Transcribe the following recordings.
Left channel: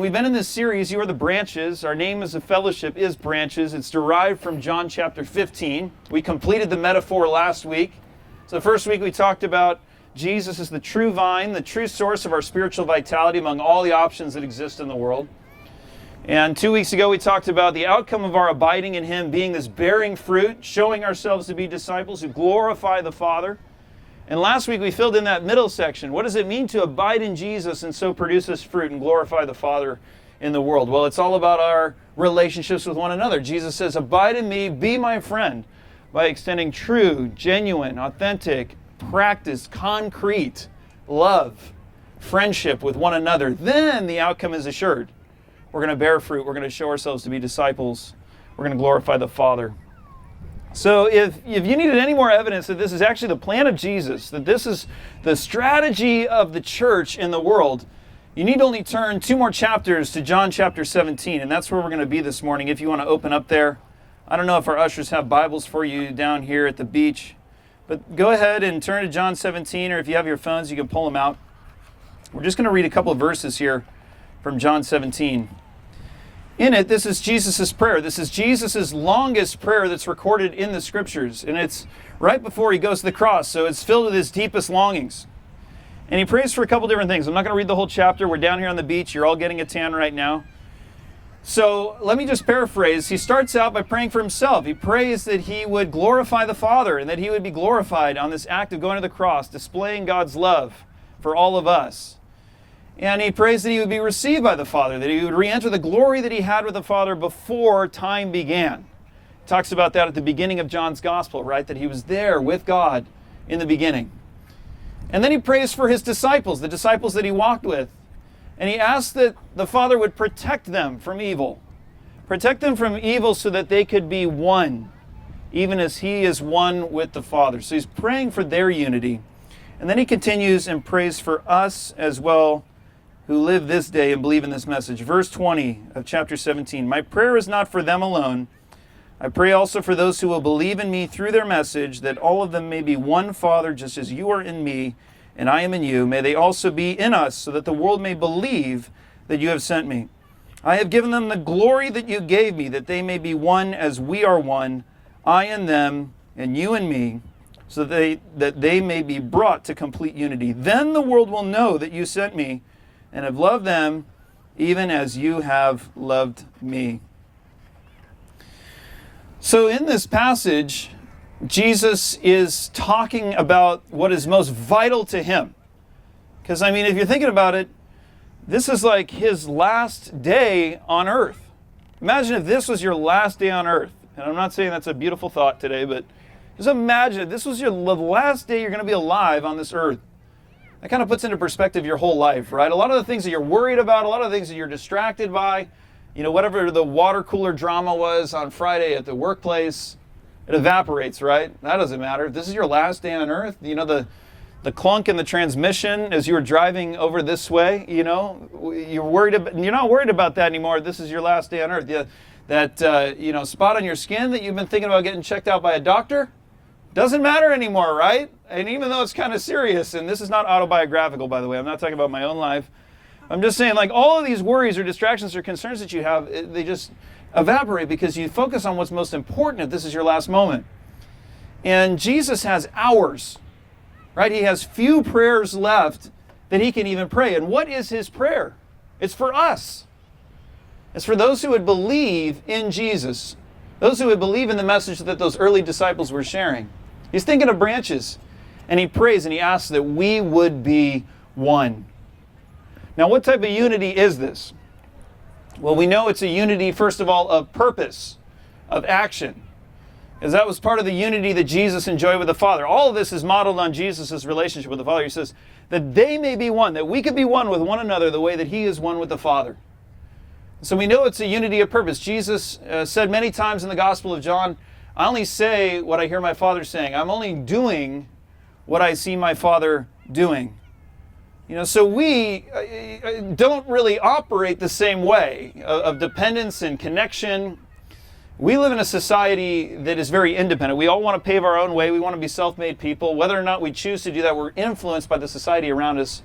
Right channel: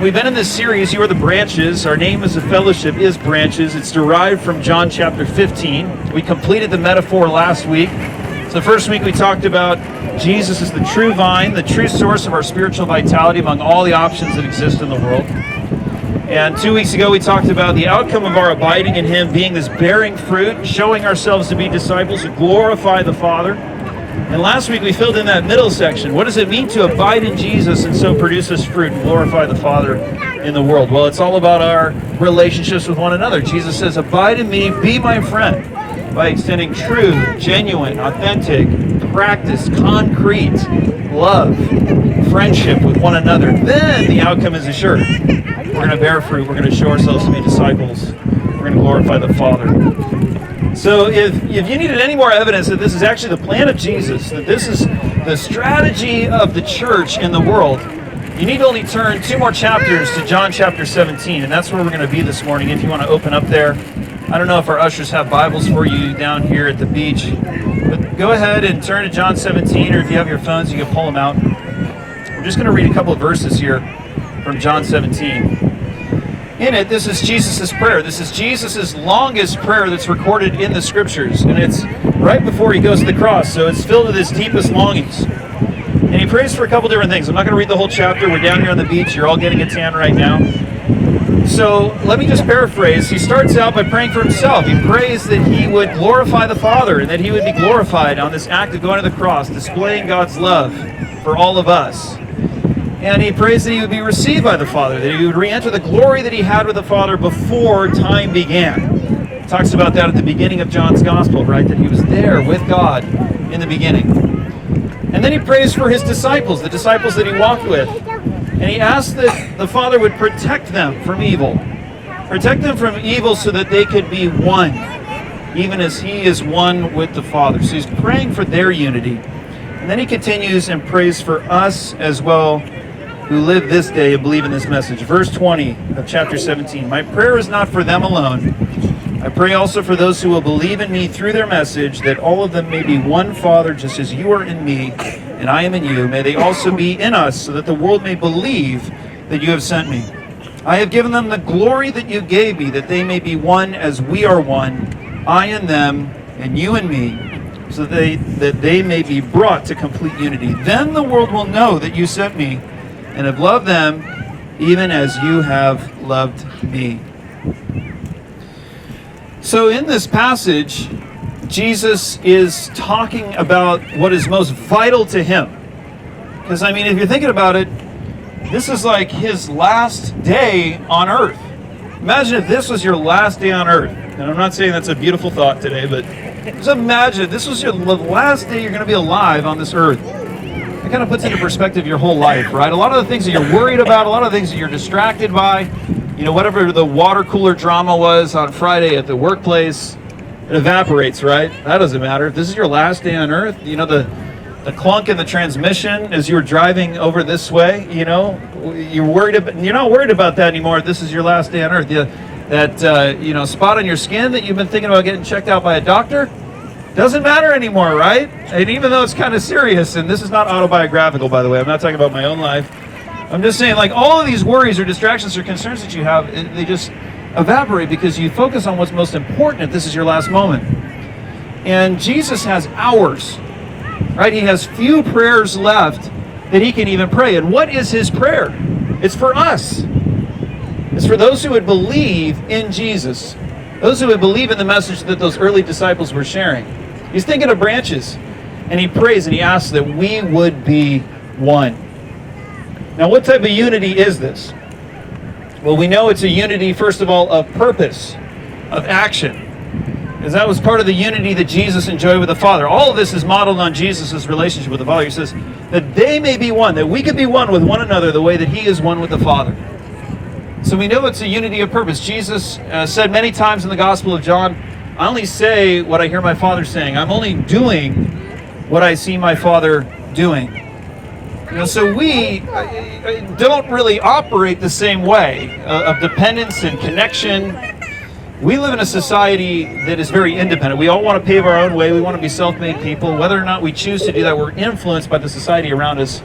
We've been in this series, You Are the Branches. Our name as a fellowship is Branches. It's derived from John chapter 15. We completed the metaphor last week. So the first week we talked about Jesus is the true vine, the true source of our spiritual vitality among all the options that exist in the world. And 2 weeks ago we talked about the outcome of our abiding in Him being this bearing fruit, showing ourselves to be disciples who glorify the Father. And last week we filled in that middle section. What does it mean to abide in Jesus and so produce this fruit and glorify the Father in the world? Well, it's all about our relationships with one another. Jesus says, abide in me, be my friend, by extending true, genuine, authentic, practiced, concrete love, friendship with one another. Then the outcome is assured. We're going to bear fruit. We're going to show ourselves to be disciples. We're going to glorify the Father. So if you needed any more evidence that this is actually the plan of Jesus, that this is the strategy of the church in the world, you need to only turn 2 more chapters to John chapter 17, and that's where we're going to be this morning if you want to open up there. I don't know if our ushers have Bibles for you down here at the beach, but go ahead and turn to John 17, or if you have your phones, you can pull them out. We're just going to read a couple of verses here from John 17. In it, this is Jesus' prayer. This is Jesus' longest prayer that's recorded in the Scriptures. And it's right before He goes to the cross. So it's filled with His deepest longings. And He prays for a couple different things. I'm not going to read the whole chapter. We're down here on the beach. You're all getting a tan right now. So let me just paraphrase. He starts out by praying for Himself. He prays that He would glorify the Father and that He would be glorified on this act of going to the cross, displaying God's love for all of us. And He prays that He would be received by the Father, that He would re-enter the glory that He had with the Father before time began. He talks about that at the beginning of John's Gospel, right? That He was there with God in the beginning. And then He prays for His disciples, the disciples that He walked with. And He asks that the Father would protect them from evil. Protect them from evil so that they could be one, even as He is one with the Father. So He's praying for their unity. And then He continues and prays for us as well, who live this day and believe in this message. Verse 20 of chapter 17. My prayer is not for them alone. I pray also for those who will believe in me through their message, that all of them may be one, Father, just as you are in me and I am in you. May they also be in us, so that the world may believe that you have sent me. I have given them the glory that you gave me, that they may be one as we are one, I and them and you and me, so that they may be brought to complete unity. Then the world will know that you sent me and have loved them even as you have loved me. So in this passage, Jesus is talking about what is most vital to Him. Because, I mean, if you're thinking about it, this is like His last day on earth. Imagine if this was your last day on earth. And I'm not saying that's a beautiful thought today, but just imagine if this was the last day you're going to be alive on this earth. It kind of puts into perspective your whole life, right? A lot of the things that you're worried about, a lot of the things that you're distracted by, whatever the water cooler drama was on Friday at the workplace, it evaporates, right? That doesn't matter. If this is your last day on earth, the clunk in the transmission as you were driving over this way, you're not worried about that anymore. This is your last day on earth. That spot on your skin that you've been thinking about getting checked out by a doctor, doesn't matter anymore, right? And even though it's kind of serious, and this is not autobiographical, by the way, I'm not talking about my own life. I'm just saying, like, all of these worries or distractions or concerns that you have, they just evaporate because you focus on what's most important if this is your last moment. And Jesus has hours, right? He has few prayers left that He can even pray. And what is His prayer? It's for us. It's for those who would believe in Jesus, those who would believe in the message that those early disciples were sharing. He's thinking of branches, and He prays and He asks that we would be one. Now, what type of unity is this? Well, we know it's a unity, first of all, of purpose, of action, because that was part of the unity that Jesus enjoyed with the Father. All of this is modeled on Jesus' relationship with the Father. He says that they may be one, that we could be one with one another the way that He is one with the Father. So we know it's a unity of purpose. Jesus said many times in the Gospel of John, I only say what I hear my Father saying. I'm only doing what I see my Father doing. So we don't really operate the same way of dependence and connection. We live in a society that is very independent. We all want to pave our own way. We want to be self-made people. Whether or not we choose to do that, we're influenced by the society around us.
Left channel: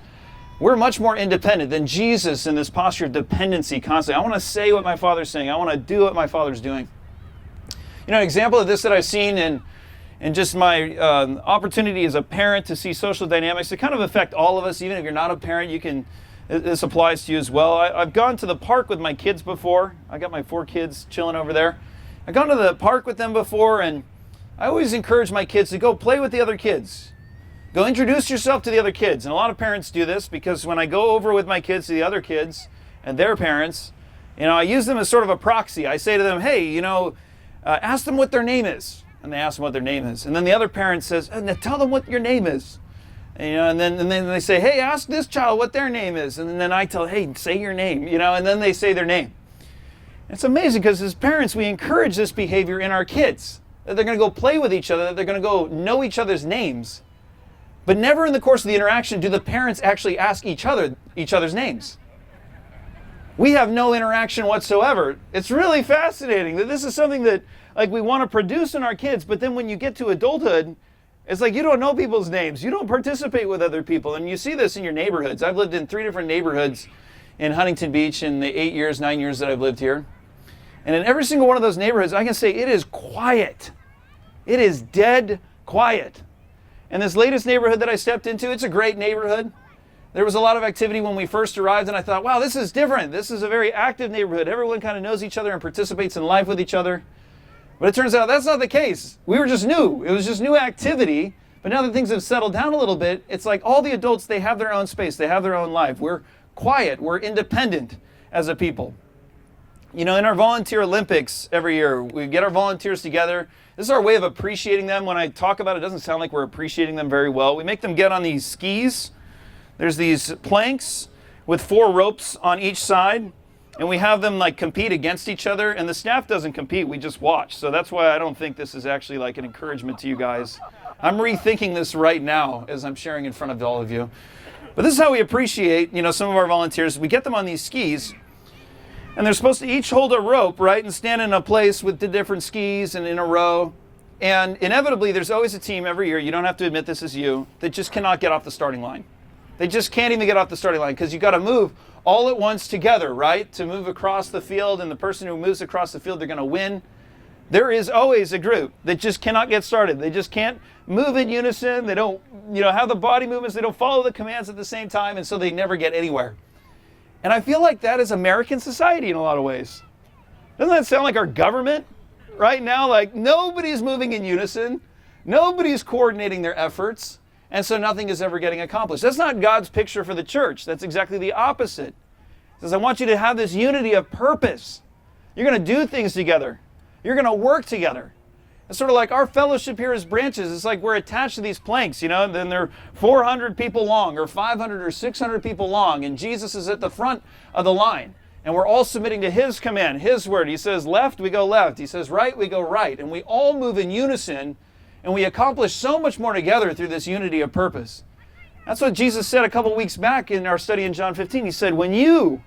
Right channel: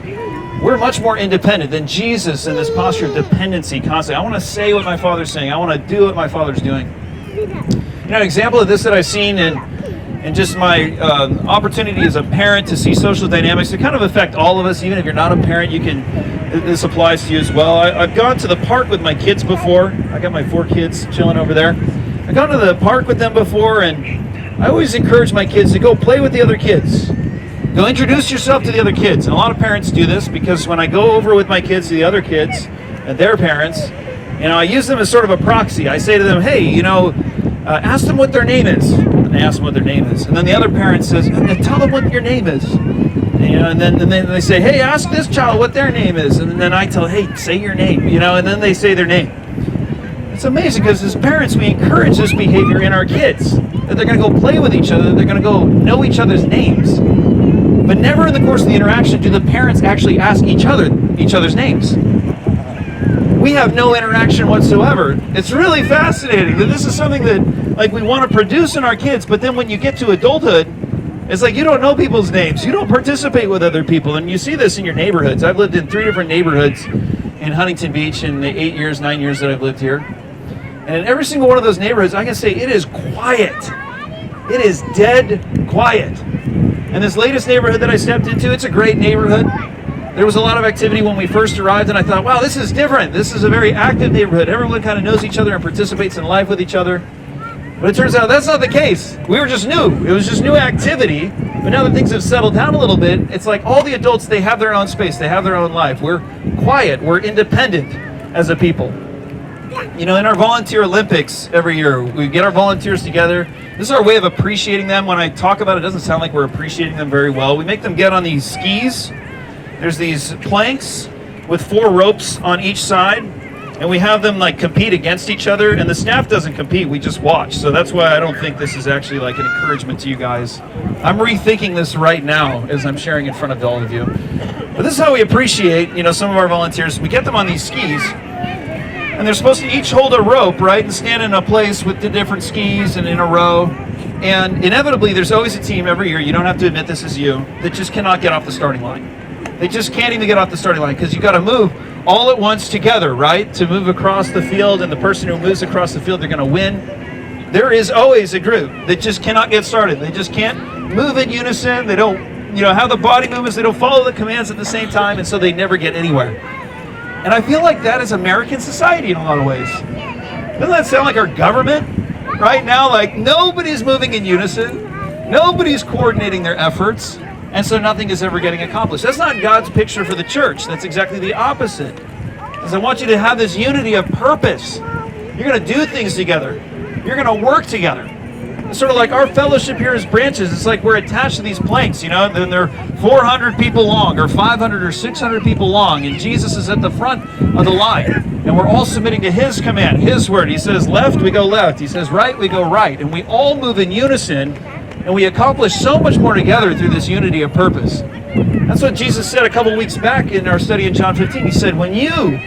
We're much more independent than Jesus in this posture of dependency constantly. I want to say what my Father's saying. I want to do what my Father's doing. You know, an example of this that I've seen in just my opportunity as a parent to see social dynamics that kind of affect all of us. Even if you're not a parent, this applies to you as well. I've gone to the park with my kids before. I got my 4 kids chilling over there. I've gone to the park with them before, and I always encourage my kids to go play with the other kids. Go introduce yourself to the other kids. And a lot of parents do this because when I go over with my kids to the other kids and their parents, I use them as sort of a proxy. I say to them, hey, ask them what their name is. And they ask them what their name is. And then the other parent says, tell them what your name is. And then they say, hey, ask this child what their name is. And then I tell, hey, say your name. And then they say their name. It's amazing because as parents, we encourage this behavior in our kids. That they're going to go play with each other. That they're going to go know each other's names. But never in the course of the interaction do the parents actually ask each other's names. We have no interaction whatsoever. It's really fascinating that this is something that we want to produce in our kids, but then when you get to adulthood, it's like you don't know people's names. You don't participate with other people, and you see this in your neighborhoods. I've lived in 3 different neighborhoods in Huntington Beach in the 9 years that I've lived here. And in every single one of those neighborhoods, I can say it is quiet. It is dead quiet. And this latest neighborhood that I stepped into, it's a great neighborhood. There was a lot of activity when we first arrived, and I thought, wow, this is different. This is a very active neighborhood. Everyone kind of knows each other and participates in life with each other. But it turns out that's not the case. We were just new. It was just new activity. But now that things have settled down a little bit, it's like all the adults, they have their own space. They have their own life. We're quiet. We're independent as a people. In our volunteer Olympics every year, we get our volunteers together. This is our way of appreciating them. When I talk about it, it doesn't sound like we're appreciating them very well. We make them get on these skis. There's these planks with 4 ropes on each side, and we have them compete against each other, and the staff doesn't compete, we just watch. So that's why I don't think this is actually an encouragement to you guys. I'm rethinking this right now as I'm sharing in front of all of you. But this is how we appreciate, some of our volunteers. We get them on these skis, and they're supposed to each hold a rope, right, and stand in a place with the different skis and in a row. And inevitably, there's always a team every year, you don't have to admit this is you, that just cannot get off the starting line. They just can't even get off the starting line because you got to move all at once together, right? To move across the field, and the person who moves across the field, they're going to win. There is always a group that just cannot get started. They just can't move in unison. They don't, have the body movements. They don't follow the commands at the same time, and so they never get anywhere. And I feel like that is American society in a lot of ways. Doesn't that sound like our government right now? Nobody's moving in unison. Nobody's coordinating their efforts. And so nothing is ever getting accomplished. That's not God's picture for the church. That's exactly the opposite. Because I want you to have this unity of purpose. You're going to do things together. You're going to work together. It's sort of like our fellowship here as branches. It's like we're attached to these planks, then they're 400 people long or 500 or 600 people long, and Jesus is at the front of the line. And we're all submitting to His command, His word. He says left, we go left. He says right, we go right. And we all move in unison. And we accomplish so much more together through this unity of purpose. That's what Jesus said a couple weeks back in our study in John 15. He said, when you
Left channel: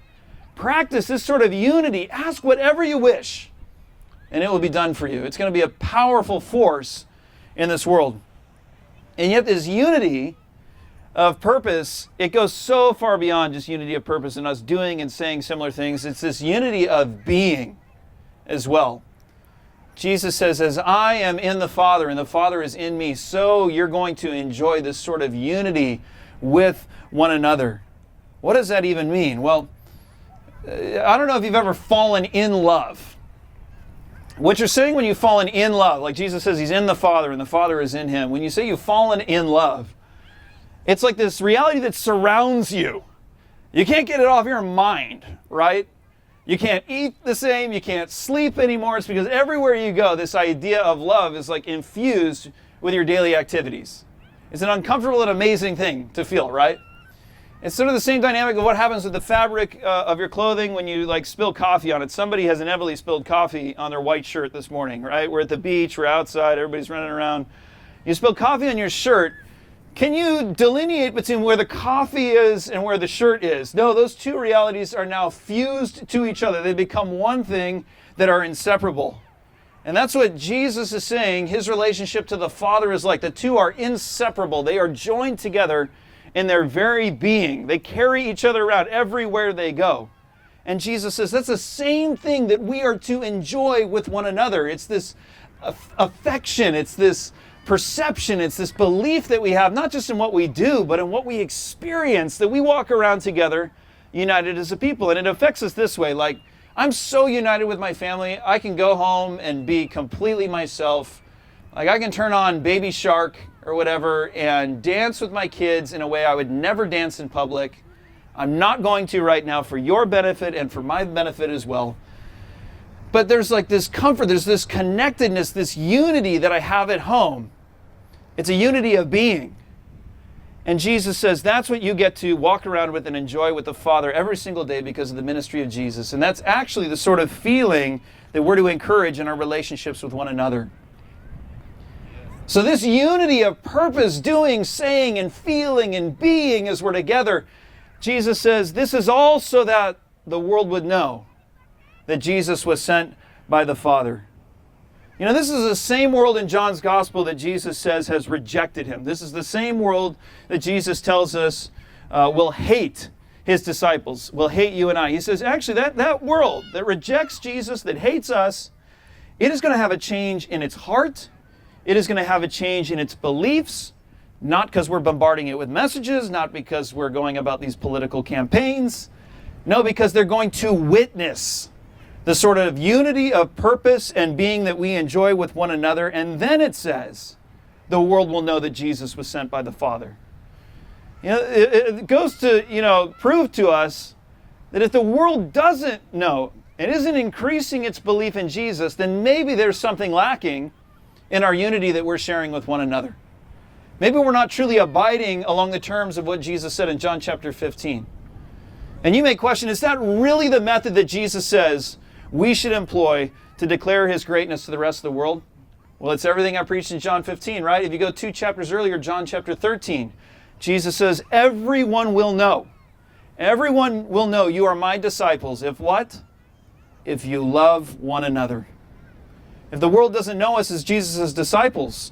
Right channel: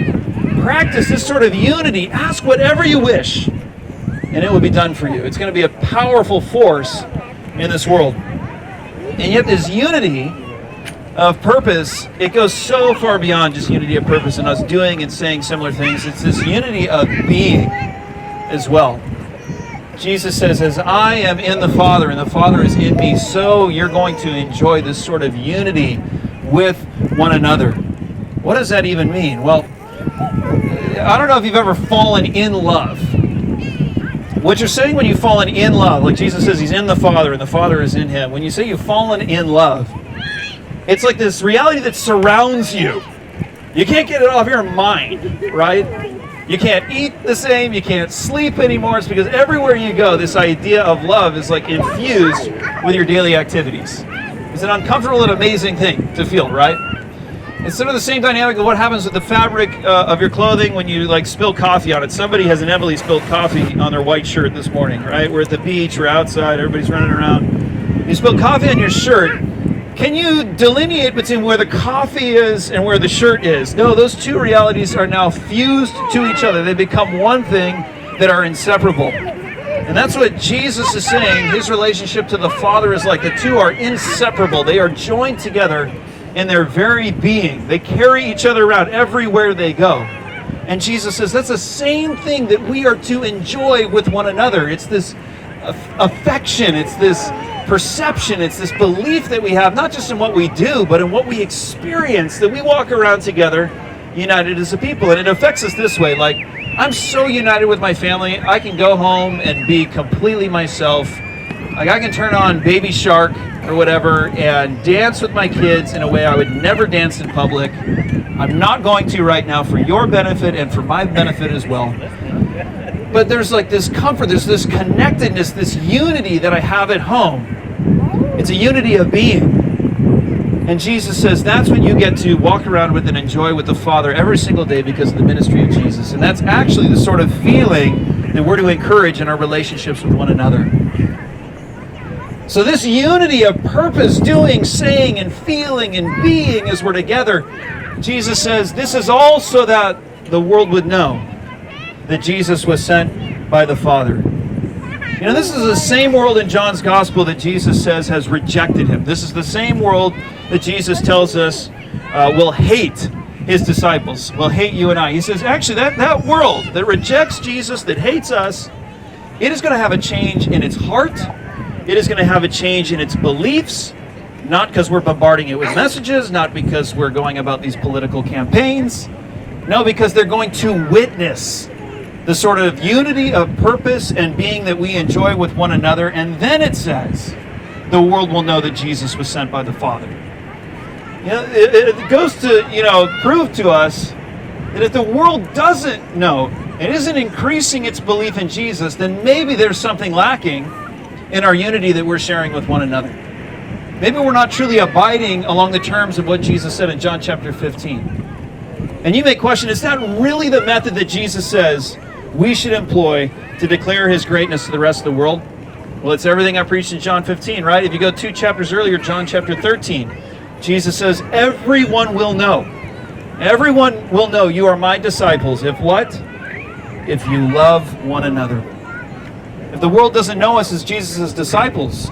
practice this sort of unity, ask whatever you wish, and it will be done for you. It's going to be a powerful force in this world. And yet this unity of purpose, it goes so far beyond just unity of purpose and us doing and saying similar things. It's this unity of being as well. Jesus says, as I am in the Father and the Father is in me, so you're going to enjoy this sort of unity with one another. What does that even mean? Well, I don't know if you've ever fallen in love. What you're saying when you've fallen in love, like Jesus says He's in the Father and the Father is in Him. When you say you've fallen in love, it's like this reality that surrounds you. You can't get it off your mind, right? You can't eat the same, you can't sleep anymore. It's because everywhere you go, this idea of love is infused with your daily activities. It's an uncomfortable and amazing thing to feel, right? It's sort of the same dynamic of what happens with the fabric of your clothing when you spill coffee on it. Somebody has inevitably spilled coffee on their white shirt this morning, right? We're at the beach, we're outside, everybody's running around. You spill coffee on your shirt. Can you delineate between where the coffee is and where the shirt is? No, those two realities are now fused to each other. They become one thing that are inseparable. And that's what Jesus is saying. His relationship to the Father is like. The two are inseparable. They are joined together in their very being. They carry each other around everywhere they go. And Jesus says that's the same thing that we are to enjoy with one another. It's this affection, it's this perception, it's this belief that we have, not just in what we do, but in what we experience, that we walk around together united as a people. And it affects us this way, like, I'm so united with my family, I can go home and be completely myself. Like, I can turn on Baby Shark or whatever and dance with my kids in a way I would never dance in public. I'm not going to right now, for your benefit and for my benefit as well. But there's like this comfort, there's this connectedness, this unity that I have at home. It's a unity of being. And Jesus says that's what you get to walk around with and enjoy with the Father every single day because of the ministry of Jesus. And that's actually the sort of feeling that we're to encourage in our relationships with one another. So this unity of purpose, doing, saying, and feeling, and being as we're together, Jesus says this is all so that the world would know that Jesus was sent by the Father. You know, this is the same world in John's Gospel that Jesus says has rejected him. This is the same world that Jesus tells us will hate his disciples, will hate you and I. He says, actually, that world that rejects Jesus, that hates us, it is going to have a change in its heart. It is going to have a change in its beliefs, not because we're bombarding it with messages, not because we're going about these political campaigns. No, because they're going to witness the sort of unity of purpose and being that we enjoy with one another. And then it says, the world will know that Jesus was sent by the Father. You know, it goes to, prove to us that if the world doesn't know, and isn't increasing its belief in Jesus, then maybe there's something lacking in our unity that we're sharing with one another. Maybe we're not truly abiding along the terms of what Jesus said in John chapter 15. And you may question, is that really the method that Jesus says we should employ to declare his greatness to the rest of the world? Well, it's everything I preached in John 15, right? If you go 2 chapters earlier, John chapter 13, Jesus says, everyone will know. Everyone will know you are my disciples. If what? If you love one another. If the world doesn't know us as Jesus' disciples,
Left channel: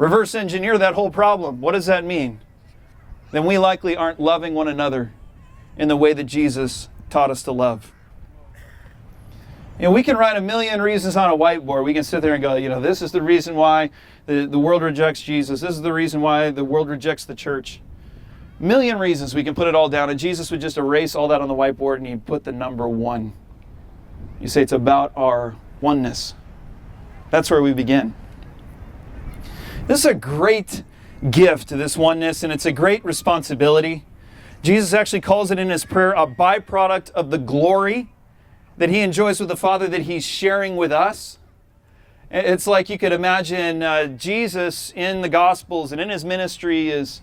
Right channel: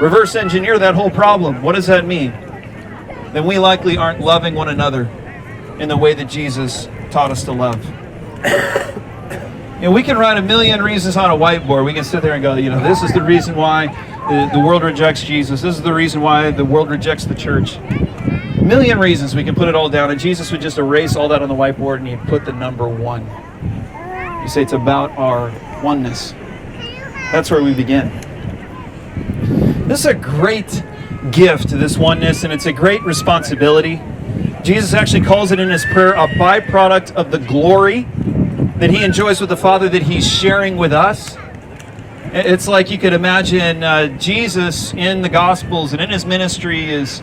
reverse engineer that whole problem. What does that mean? Then we likely aren't loving one another in the way that Jesus taught us to love. We can write a million reasons on a whiteboard. We can sit there and go, this is the reason why the world rejects Jesus. This is the reason why the world rejects the church. A million reasons. We can put it all down, and Jesus would just erase all that on the whiteboard, and he'd put the number 1. You say it's about our oneness. That's where we begin. This is a great gift, this oneness, and it's a great responsibility. Jesus actually calls it in his prayer a byproduct of the glory that he enjoys with the Father that he's sharing with us. It's like you could imagine Jesus in the Gospels and in his ministry is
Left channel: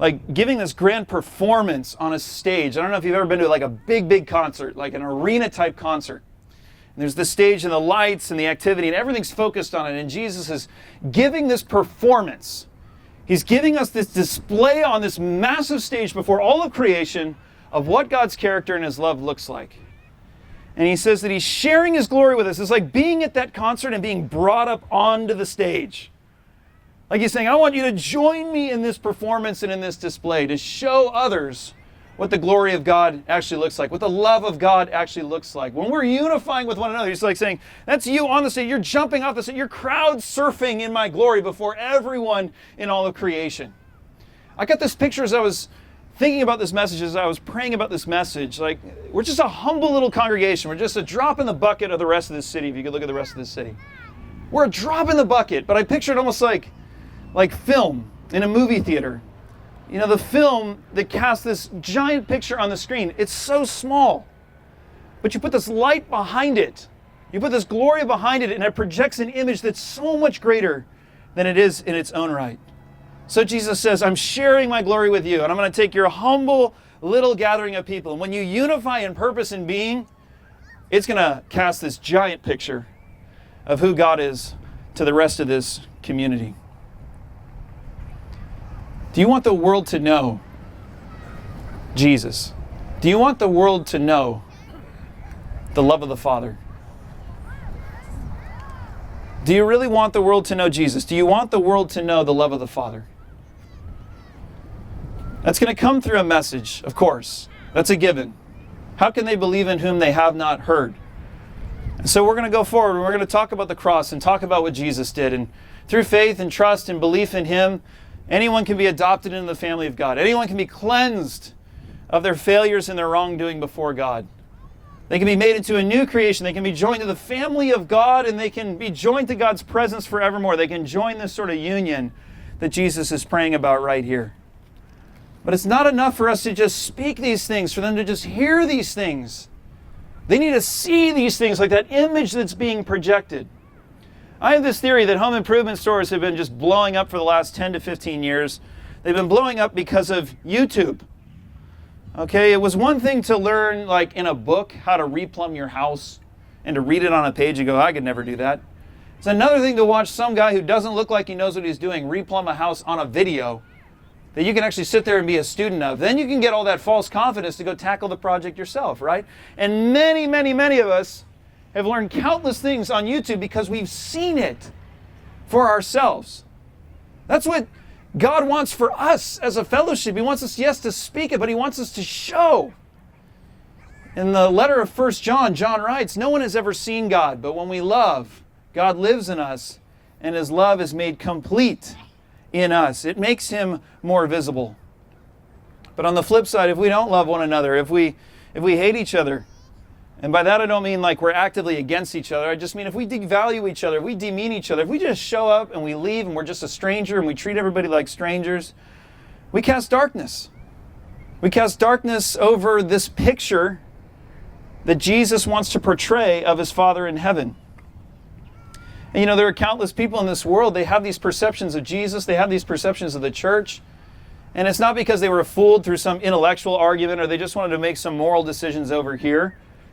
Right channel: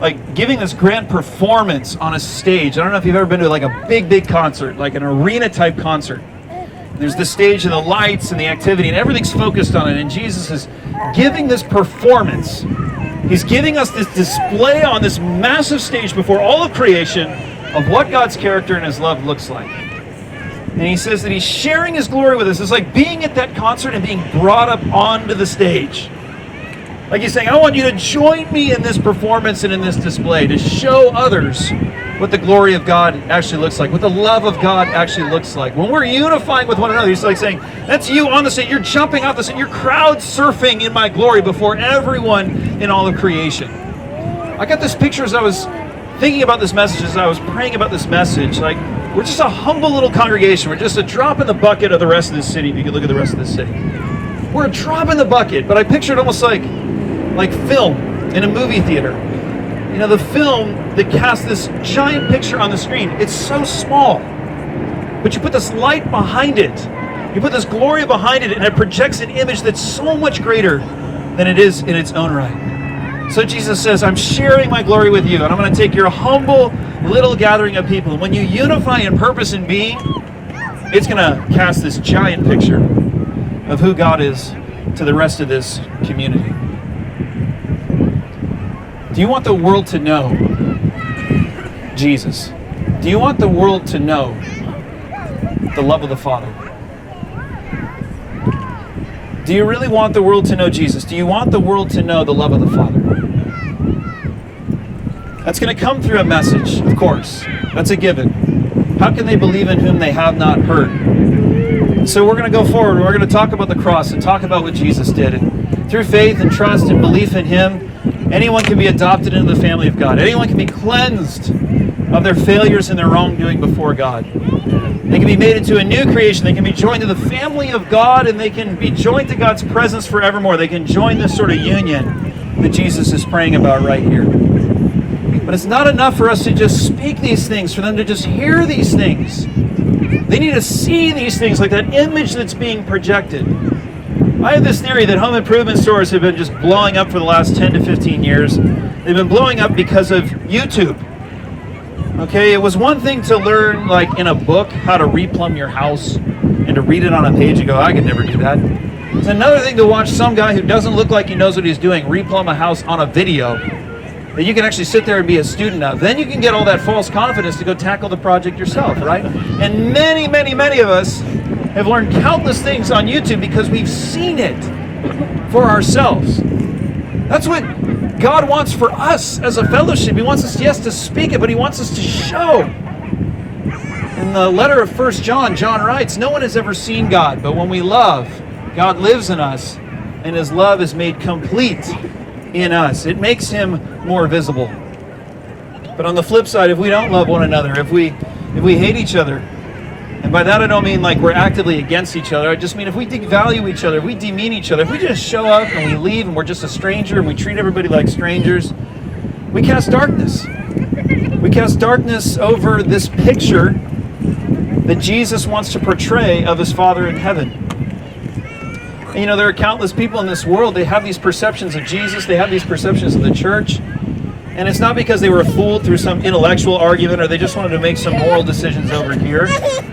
like giving this grand performance on a stage. I don't know if you've ever been to like a big concert, like an arena type concert. There's the stage and the lights and the activity and everything's focused on it, and Jesus is giving this performance. He's giving us this display on this massive stage before all of creation of what God's character and his love looks like. And he says that he's sharing his glory with us. It's like being at that concert and being brought up onto the stage. Like he's saying, I want you to join me in this performance and in this display to show others what the glory of God actually looks like, what the love of God actually looks like. When we're unifying with one another, he's like saying, that's you on the stage. You're jumping off the stage. You're crowd surfing in my glory before everyone in all of creation. I got this picture as I was thinking about this message, as I was praying about this message. Like, we're just a humble little congregation. We're just a drop in the bucket of the rest of the city, if you could look at the rest of the city. We're a drop in the bucket, but I pictured almost like film in a movie theater. The film that casts this giant picture on the screen, it's so small. But you put this light behind it. You put this glory behind it, and it projects an image that's so much greater than it is in its own right. So Jesus says, I'm sharing my glory with you, and I'm going to take your humble little gathering of people. And when you unify in purpose and being, it's going to cast this giant picture of who God is to the rest of this community. Do you want the world to know Jesus? Do you want the world to know the love of the Father? Do you really want the world to know Jesus? Do you want the world to know the love of the Father? That's going to come through a message, of course. That's a given. How can they believe in whom they have not heard? So we're going to go forward. We're going to talk about the cross and talk about what Jesus did. And through faith and trust and belief in Him, anyone can be adopted into the family of God. Anyone can be cleansed of their failures and their wrongdoing before God. They can be made into a new creation. They can be joined to the family of God, and they can be joined to God's presence forevermore. They can join this sort of union that Jesus is praying about right here. But it's not enough for us to just speak these things, for them to just hear these things. They need to see these things, like that image that's being projected. I have this theory that home improvement stores have been just blowing up for the last 10 to 15 years. They've been blowing up because of YouTube. Okay, it was one thing to learn, like in a book, how to replumb your house and to read it on a page and go, I could never do that. It's another thing to watch some guy who doesn't look like he knows what he's doing replumb a house on a video that you can actually sit there and be a student of. Then you can get all that false confidence to go tackle the project yourself, right? And many, many, many of us have learned countless things on YouTube because we've seen it for ourselves. That's what God wants for us as a fellowship. He wants us, yes, to speak it, but He wants us to show. In the letter of 1 John, John writes, no one has ever seen God, but when we love, God lives in us, and His love is made complete in us. It makes Him more visible. But on the flip side, if we don't love one another, if we hate each other, and by that I don't mean like we're actively against each other, I just mean if we devalue each other, if we demean each other, if we just show up and we leave and we're just a stranger and we treat everybody like strangers, we cast darkness. We cast darkness over this picture that Jesus wants to portray of His Father in heaven. And you know, there are countless people in this world, they have these perceptions of Jesus, they have these perceptions of the church, and it's not because they were fooled through some intellectual argument or they just wanted to make some moral decisions over here.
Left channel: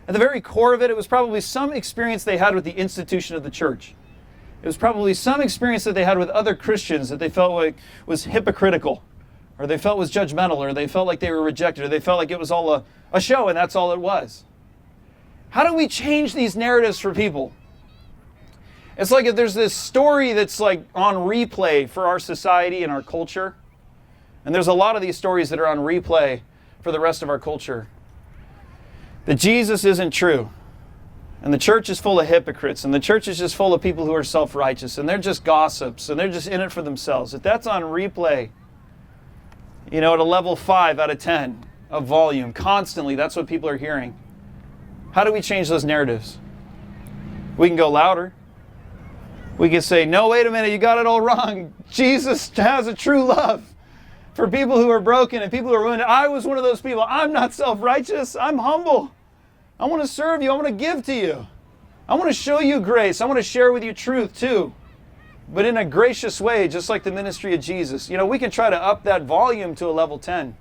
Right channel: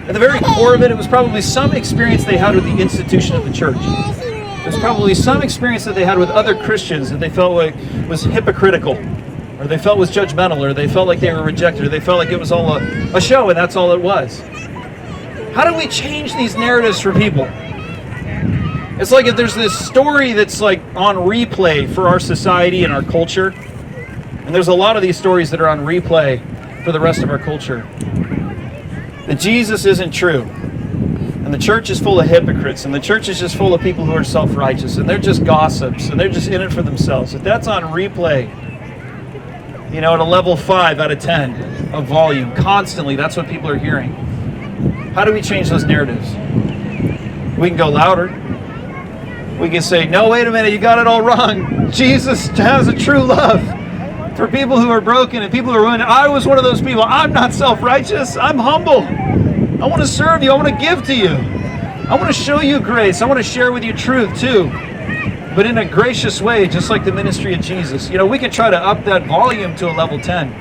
At the very core of it, it was probably some experience they had with the institution of the church. It was probably some experience that they had with other Christians that they felt like was hypocritical, or they felt was judgmental, or they felt like they were rejected, or they felt like it was all a show and that's all it was. How do we change these narratives for people? It's like if there's this story that's like on replay for our society and our culture, and there's a lot of these stories that are on replay for the rest of our culture, that Jesus isn't true, and the church is full of hypocrites, and the church is just full of people who are self-righteous, and they're just gossips, and they're just in it for themselves. If that's on replay, you know, at a level 5 out of 10 of volume, constantly, that's what people are hearing. How do we change those narratives? We can go louder. We can say, no, wait a minute, you got it all wrong. Jesus has a true love for people who are broken and people who are ruined. I was one of those people. I'm not self-righteous. I'm humble. I want to serve you. I want to give to you. I want to show you grace. I want to share with you truth too, but in a gracious way, just like the ministry of Jesus. You know, we can try to up that volume to a level 10.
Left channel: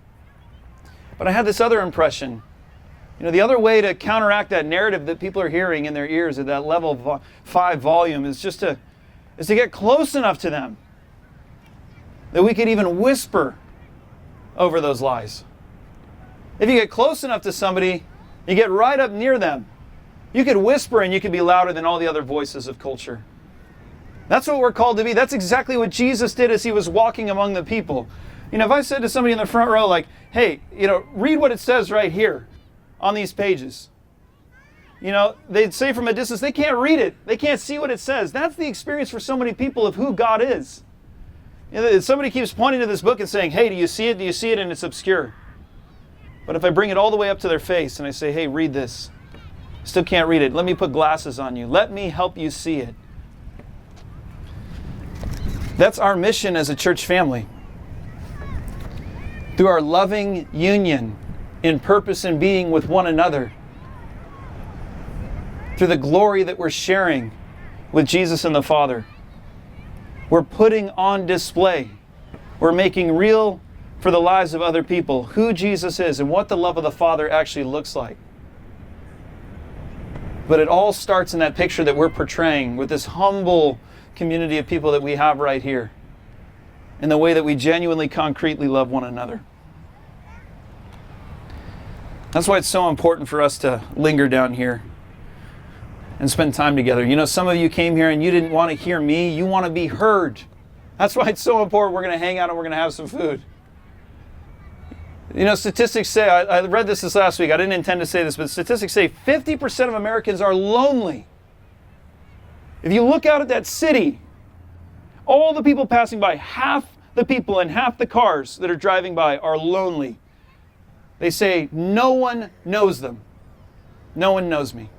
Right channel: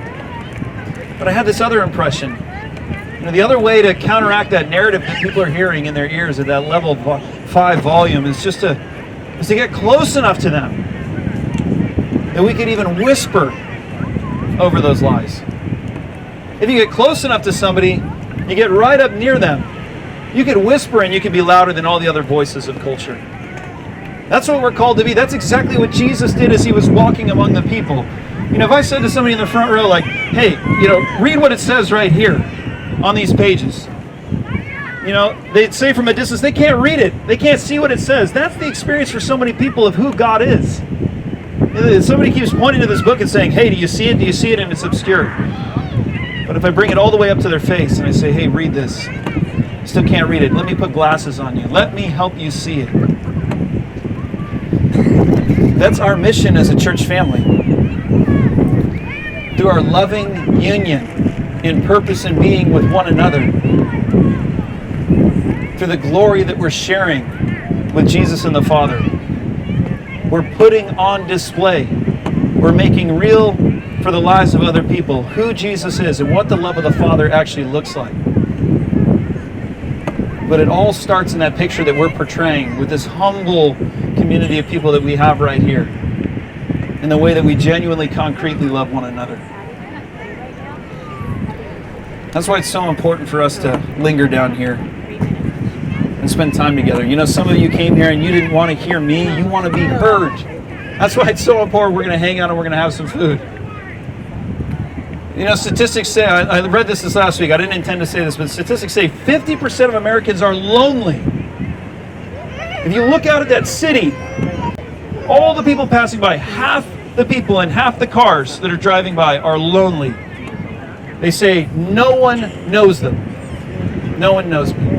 But I had this other impression. You know, the other way to counteract that narrative that people are hearing in their ears at that level 5 volume is just to get close enough to them that we could even whisper over those lies. If you get close enough to somebody, you get right up near them, you could whisper and you could be louder than all the other voices of culture. That's what we're called to be. That's exactly what Jesus did as He was walking among the people. You know, if I said to somebody in the front row, like, hey, you know, read what it says right here on these pages. You know, they'd say from a distance, they can't read it. They can't see what it says. That's the experience for so many people of who God is. Somebody keeps pointing to this book and saying, hey, do you see it? Do you see it? And it's obscure. But if I bring it all the way up to their face and I say, hey, read this, still can't read it. Let me put glasses on you. Let me help you see it. That's our mission as a church family. Through our loving union in purpose and being with one another, through the glory that we're sharing with Jesus and the Father, we're putting on display, we're making real for the lives of other people who Jesus is and what the love of the Father actually looks like. But it all starts in that picture that we're portraying with this humble community of people that we have right here, in the way that we genuinely, concretely love one another. That's why it's so important for us to linger down here and spend time together. You know, some of you came here and you didn't want to hear me, you want to be heard. That's why it's so important we're going to hang out and we're going to have some food. You know, statistics say, I read this last week, I didn't intend to say this, but statistics say 50% of Americans are lonely. If you look out at that city, all the people passing by, half the people and half the cars that are driving by are lonely. They say no one knows them. No one knows me.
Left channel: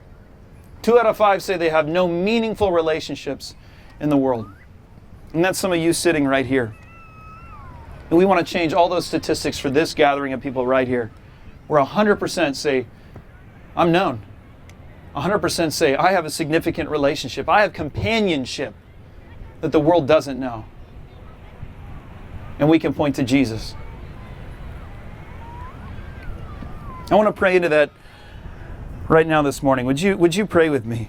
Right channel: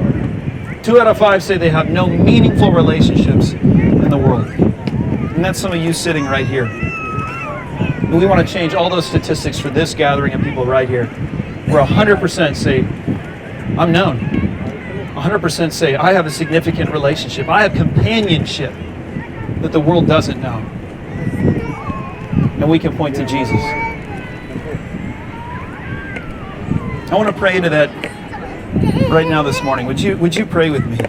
2 out of 5 say they have no meaningful relationships in the world. And that's some of you sitting right here. And we want to change all those statistics for this gathering of people right here, where 100% say, I'm known. 100% say, I have a significant relationship. I have companionship that the world doesn't know. And we can point to Jesus. I want to pray into that right now this morning. Would you pray with me?